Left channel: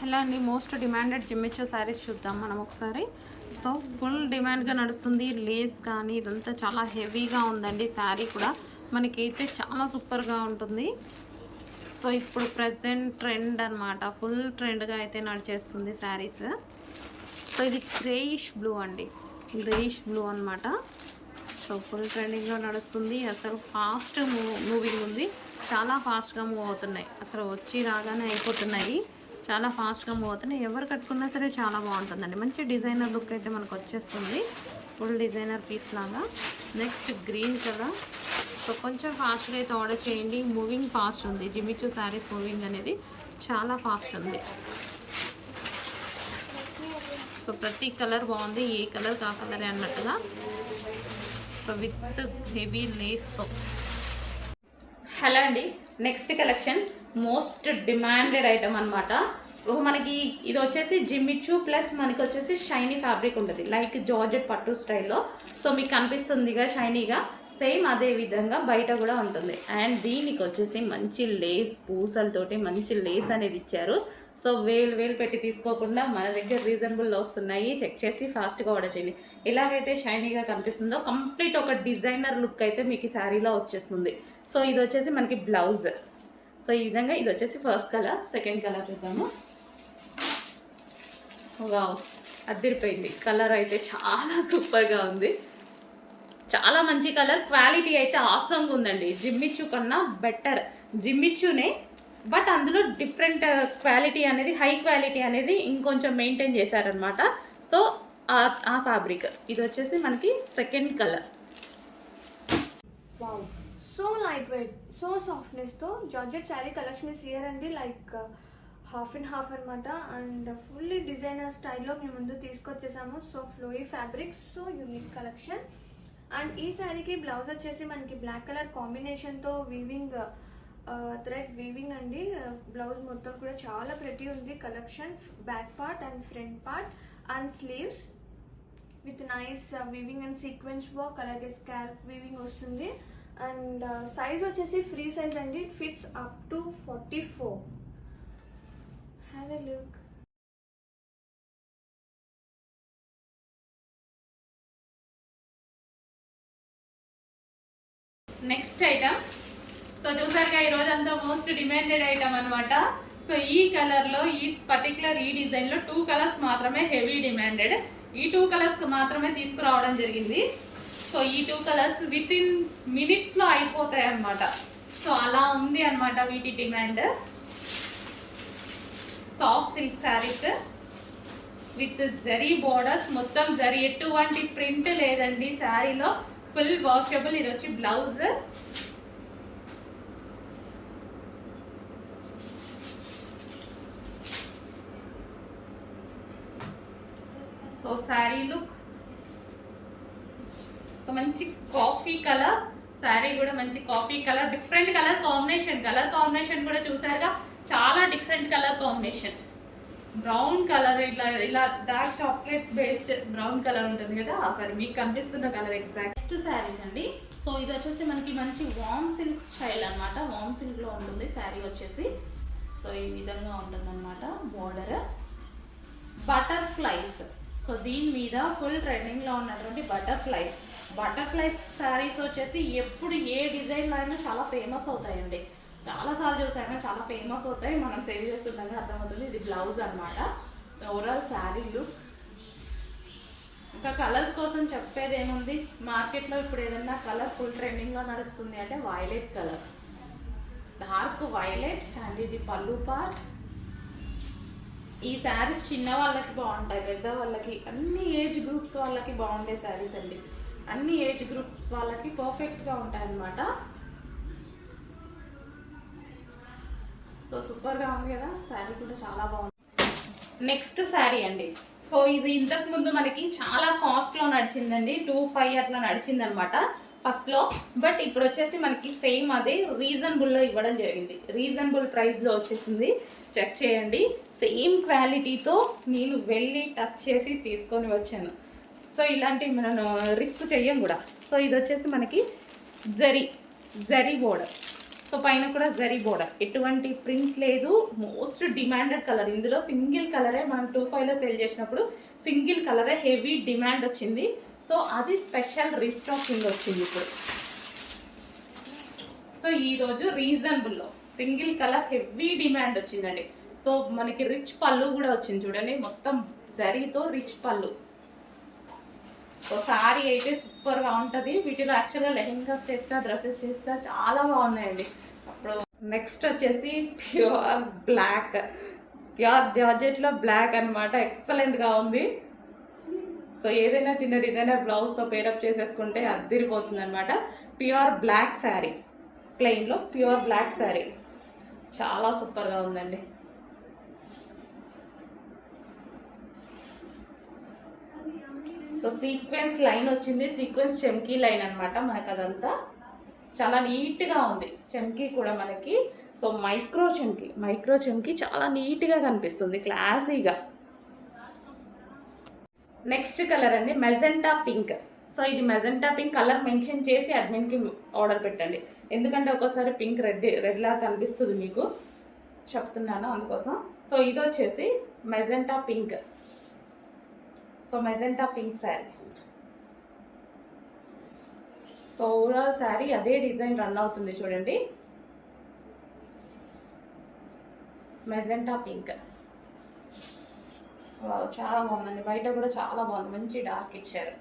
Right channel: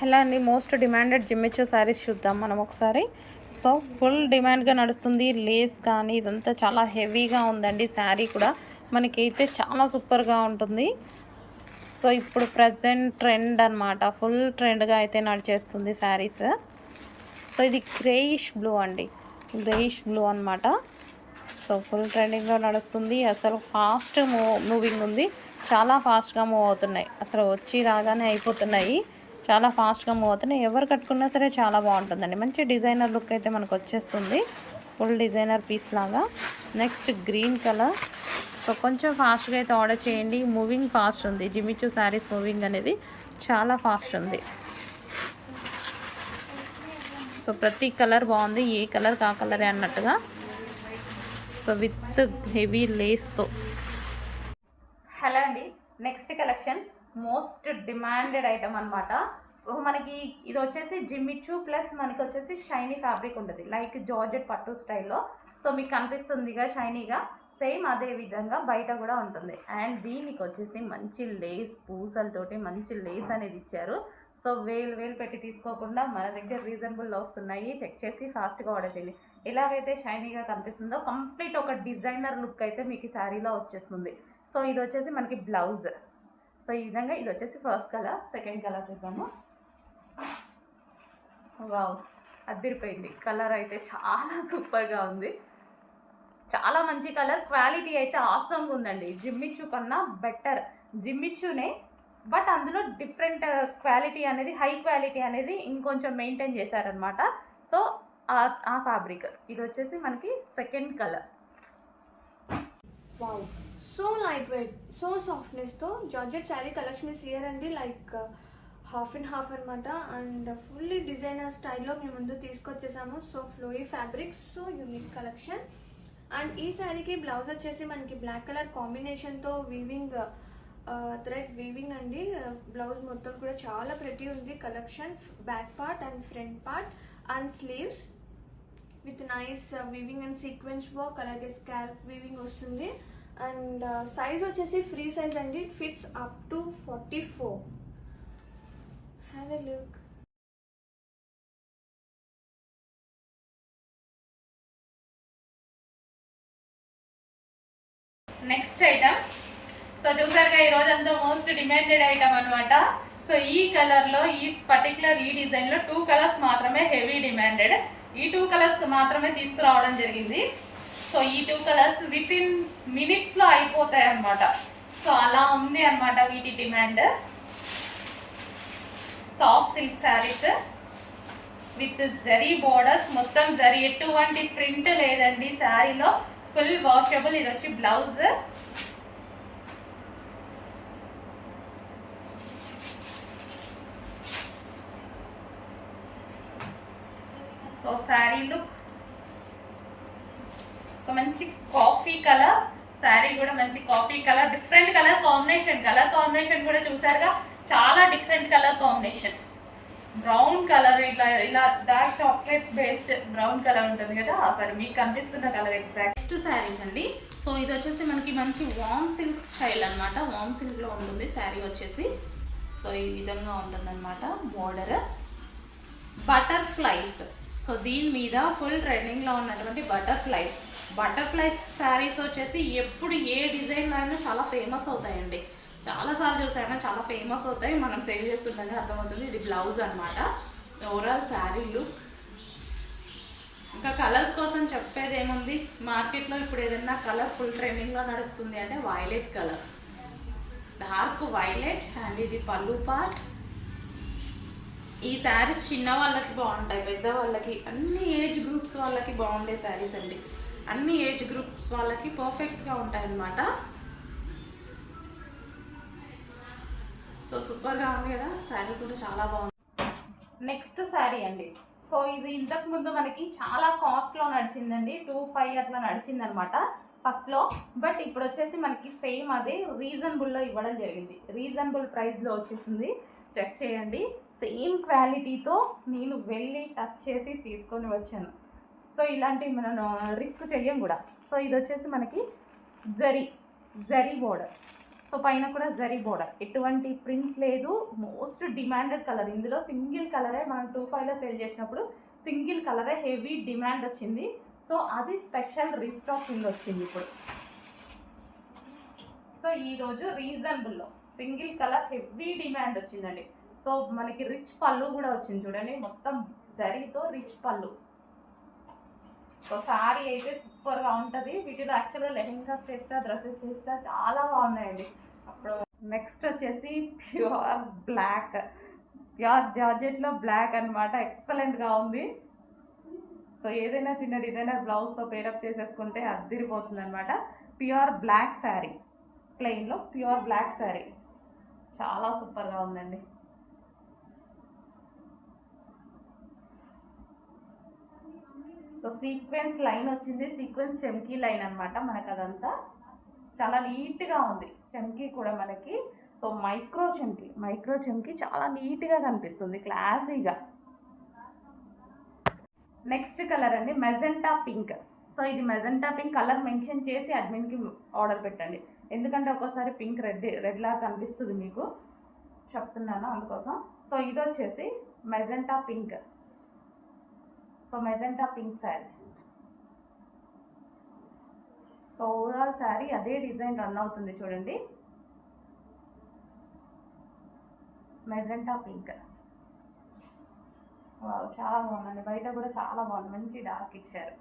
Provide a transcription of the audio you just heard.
Hello అండి? Most demanded జిమ్మిచ్చో saris చూద్దాం మనం ఒకసారి. సో ఫుల్ డిమాండ్గా నడుస్తుంది. లేస్ కానీ ఇదంతా చాలా హెవీగా ఉందండి శారీ కూడా. మనకైతే చాలా సూపర్గా ఉంటుంది. సో ఇప్పుడు ప్రజెంట్ ట్రెండ్ అన్నమాట. ఫుల్ ట్రెండ్గా అయితే నడిచేస్తుంది శారీస్. సో ఇది గ్రేయిష్ బ్లూ అండి. గ్రేయిష్ బ్లూ అన్నమాట. సో ఫుల్ ట్రెండింగ్లో నడుస్తుంది. అసలు ఫాస్ట్ మూవ్ మూవింగ్ ఉంది. చాలా ఫాస్ట్గా మూవ్ అవుతున్నాయి. అసలు వచ్చి రాగానే అయిపోతున్నాయి. చాలా ఫాస్ట్గా మూవ్ అవుతున్నాయి ఎవరు కట్టుకున్నా సరే చాలా బాగుంటుందండి. మంచి డిజైనర్ లుక్ అయితే మనకు వచ్చేస్తుంది. ఫుల్ డిజైనర్ పీస్ లాగా. Next green colour. సో కొంచెం ఫాస్ట్గా అయితే ఆర్డర్ చేయండి. మూవింగ్ ఫాస్ట్ ఉంది. జిమిచూ శారీస్ మూవింగ్ అనేది చాలా ఫాస్ట్ ఉంది. సో ప్రతి కలర్ బాగుంది. ఏ కలర్ కా కలరే అన్నట్టుగా. సో విత్ హెవీ లేస్తో. హలో అండి. Next collection. Most demanded item అనమాట మనకి ఇది వచ్చేసి జిమ్మిచ్చు ప్లస్ మనకి వచ్చేసి షైనీ ఫ్యాబ్రిక్ ఉంటుంది. లైక్ జార్జెట్ పట్టు స్టైల్లో సో మీకు కనిపిస్తుందిగా షైనీగా సేమ్ అదే విధంగా బయట కూడా ఉంటుంది. అండ్ దీనికి వచ్చేసి మంచి లేస్ పూసలతోటి మంచి లేస్ అనేది ఇచ్చారు. సో వేలు వేలు పెట్టి తీసుకోకుండా మన దగ్గర రీజనబుల్లో వస్తున్నాయి. చెక్ చేసి ఫాస్ట్గా ఆర్డర్ చేయండి. ఎలాగైతే షైనీగా కనిపిస్తుందో కంప్లీట్ ఒక డిజైనర్ లుక్ అయితే మీకు ఈ శారీలో వచ్చేస్తుంది. సో ఇది వచ్చేసి మనకి బ్లౌజ్ సో ఈ విధంగా ఇది వచ్చేసి ఫస్ట్ కలర్ సెకండ్ కలర్ చూద్దాము. వావ్. అద్దరిపోయింది. కలర్ అయితే చాలా సూపర్గా ఉంది. చాలా మంచి కలర్ క్వాలిటీ అయితే ఆసంగా ఉందండి. జిమ్మిచ్చు కన్నా బెటర్ జిమ్మిచ్చునే బట్ అందులో డిఫరెంట్ క్వాలిటీ uh, అనేది హై క్వాలిటీ అనేది ఇంకొంచెం మెయింటైన్ చేశారనమాట సో ఆ ఫ్యాబ్రిక్ ఇది వచ్చేసి మనకి second colour wow so light weight so సాఫ్ట్నెస్తో georgette sari collection is here అండి. లైక్ హాఫ్ అండ్ హాఫ్ అనమాట అండ్ ఫుల్లీ డిజైనర్ స్టైల్లో మేము ముందు తీసుకొచ్చేసాము. So flowy fabric so unique collection. And ఈ శారీకి బ్లౌజ్ వచ్చేసి మనకి బ్లాక్ కలర్ కాంబినేషన్తో వీవింగ్ థ్రెడ్ వీవింగ్ అండి. బ్లౌజ్ మొత్తం కూడా చాలా ప్రతి ఉంది. Collection back part and front part and sleeves with nice weaving and sequence work అలాగే స్కాల్ప్ వీవింగ్ వస్తుంది. అండ్ uh, సైజ్ వచ్చేసి ఫ్రీ సైజ్ అండి. Fits up to forty four have next item so చూసారుగా ఈ రోజు అంతా మోస్ట్ డిమాండెడ్ ఐటమ్ అన్నమాట. So ఈ కలర్లో ఈ పర్టికులర్ ఈ డిజైన్లో టూ కలర్స్ మాత్రమే హెవీ డిమాండెడ్ ఈ టూ కలర్స్ మాత్రమే తీసుకురావడం జరిగింది. సో ఈ టూ కలర్స్ విత్ ఇన్ మినిట్స్లో అయిపోతాయి అనమాట సో అలా ఉంది అన్నమాట వీటి demand soft silk saris with zari borders మొత్తం జరీ ఎటువంటి ప్రింట్ లేదండి. శారీలో ఫుల్ వాషబుల్ ఇది వచ్చి బ్లౌజ్ సో శారీ లుక్ మంచి కాఫీ కలర్ శారీ కూడా మంచి coffee colour different colour combination colour combination కూడా చూసారుగా. చాలా different colour combination brown colour ఇలా ఇలా dark chocolate based brown colour ఉంటుంది కదా? సరే మీకు కనిపిస్తున్న కలర్ ఎగ్జాక్ట్ నెక్స్ట్ శారీస్ అండి. సో ఇది వచ్చేసి మనకి మంచి వామ్ సిల్క్ స్టైల్ అనమాట వామ్ సిల్క్లో ఉంటుంది శారీ వచ్చేసి. సో ఈ విధంగా ఉంటుందన్నమాట బోర్డర్ బటర్ఫ్లైస్ సో దీని మీద ఫుల్ ట్రెండింగ్లో ఉన్నటువంటి బటర్ఫ్లైస్ బటర్ఫ్లైస్ శారీస్ వచ్చేసి ఎప్పుడు ఏ డిజైన్ అయినా చాలా ఫేమస్ అవుతాయండి. చాలాసార్లు చూసాను చాలా ఫేమస్ అవుతాయి. మనం సేవ్ చేస్తుందని అర్థమవుతుంది. ఇది బ్లౌజ్ అనమాట ఓవరాల్ శారీ లుక్ ఇంకా కలర్ కోసం చెప్పేది ఏముంది? మార్కెట్లో ఇప్పుడు ఏదైనా కలర్ ఫుల్ ట్రెండింగ్లో నడుస్తుంది అంటే violet colour dark violet and ఇది పళ్ళు పార్ట్ ఈ శారీస్ చిన్న వాళ్ళకి బాగుంటాయి పెద్ద వాళ్ళకి. అన్ని ఏజ్ గ్రూప్స్ వాళ్ళకి బాగుండే శారీస్ అండి. అన్ని ఏజ్ గ్రూప్స్ వాళ్ళకి పర్ఫెక్ట్గా ఉంటాయి అన్నమాట సో సూపర్గా ఉంది కదా. శారీ కూడా చాలా బాగుంది. నెక్స్ట్ శారీ అండి. సో ఇది ఇంతకు ముందు మనకి చాలా కాస్ట్లో నడిచిందండి. టూ ఫైవ్ అట్లా నడిచింది అనమాట ఫస్ట్లో బట్ ఇప్పుడు వచ్చేసి మనకి సేమ్ అదే రీజనబుల్లో ఇవ్వడం జరిగింది. రీజనబుల్ ప్రైస్లో వచ్చేసింది. చెక్ చేయండి. సేమ్ క్వాలిటీతో నేను వెళ్ళి టచ్ చేసి తీసుకొని వచ్చాను. సో ఇలాంటివి మనం రిస్క్ చెయ్యం కూడా. సో ఇది వచ్చేసి మనకి జరీ జరీ బోర్డర్ సో పైన కూడా జరీ బోర్డర్. ఎటువంటి ప్రింట్ లేదు. Most demanded colour. ఇందులో సింగిల్ కలరే మనం టూ ఫైవ్లో సేల్ చేసినప్పుడు సింగిల్ కలరే హెవీ డిమాండ్ వచ్చింది. సో అది స్పెషల్ రీస్టాకింగ్ వచ్చింది ఇప్పుడు. సో ఈరోజు రీజనబుల్లో సింగిల్ కలర్ హెవీ డిమాండ్ వచ్చిందండి. సో మనకి రిచ్ పళ్ళు కూడా వచ్చింది చూడండి. మొత్తం జరీతో రిచ్ పళ్ళు. సో శారీ అయితే సూపర్గా ఉంటుంది. వీటిలో యాక్చువల్గా లెహెంగాస్ చేస్తా డ్రెస్సెస్ చేస్తా చాలా బాగున్నాయండి. అప్పుడు నెక్స్ట్ వచ్చేసి ప్యూర్ బ్లాక్ ప్యూర్ జార్జెట్లో బ్లాక్ అనమాట ఎక్సలెంట్గా ఉంది. సో ఏదైనా చిన్న డిజైనర్ బ్లౌజ్తో పేరప్ చేసేసుకుంటే అద్దరిపోతుంది అనమాట ప్యూర్ బ్లాక్ శారీ ప్లెయిన్లో ప్యూర్ బ్లాక్ శారీ చాలా సూపర్గా ఉందండి. సో సీక్వెన్స్ లైన్ వచ్చింది. సీక్వెన్స్ చెమ్కీ లైన్ అనమాట మనకు అదంతా చాలా నీట్గా ఉంది. చెమ్కీ కూడా మనకి. సో మైక్రో చెమ్కీ మైక్రో చెమ్కీ చాలా నీట్గా కనిపిస్తుంది. క్లాసీగా నెక్స్ట్ కలర్ అండి. మెజెంటా పింక్ సో ఇది మెజెంటా పింక్ కలర్ మెన్షన్ చేసి అడ్మిన్కి ఆర్డర్ పెట్టండి. ఎందుకంటే ఒక్కోసారి పింక్ రెడ్ రెడ్ లాగా కనిపిస్తుంది మీకు. చెప్తున్నాను అందుకోసం. సో ఇది వచ్చేసి magenta pink so magenta pink sari. So overall sari అదే డిజైన్ రన్ అవుతుంది చూడండి. Magenta pink. వావ్, చాలా బాగుందండి. బయట కూడా చాలా బాగుంది. మంచి డార్క్ ఇచ్చారు.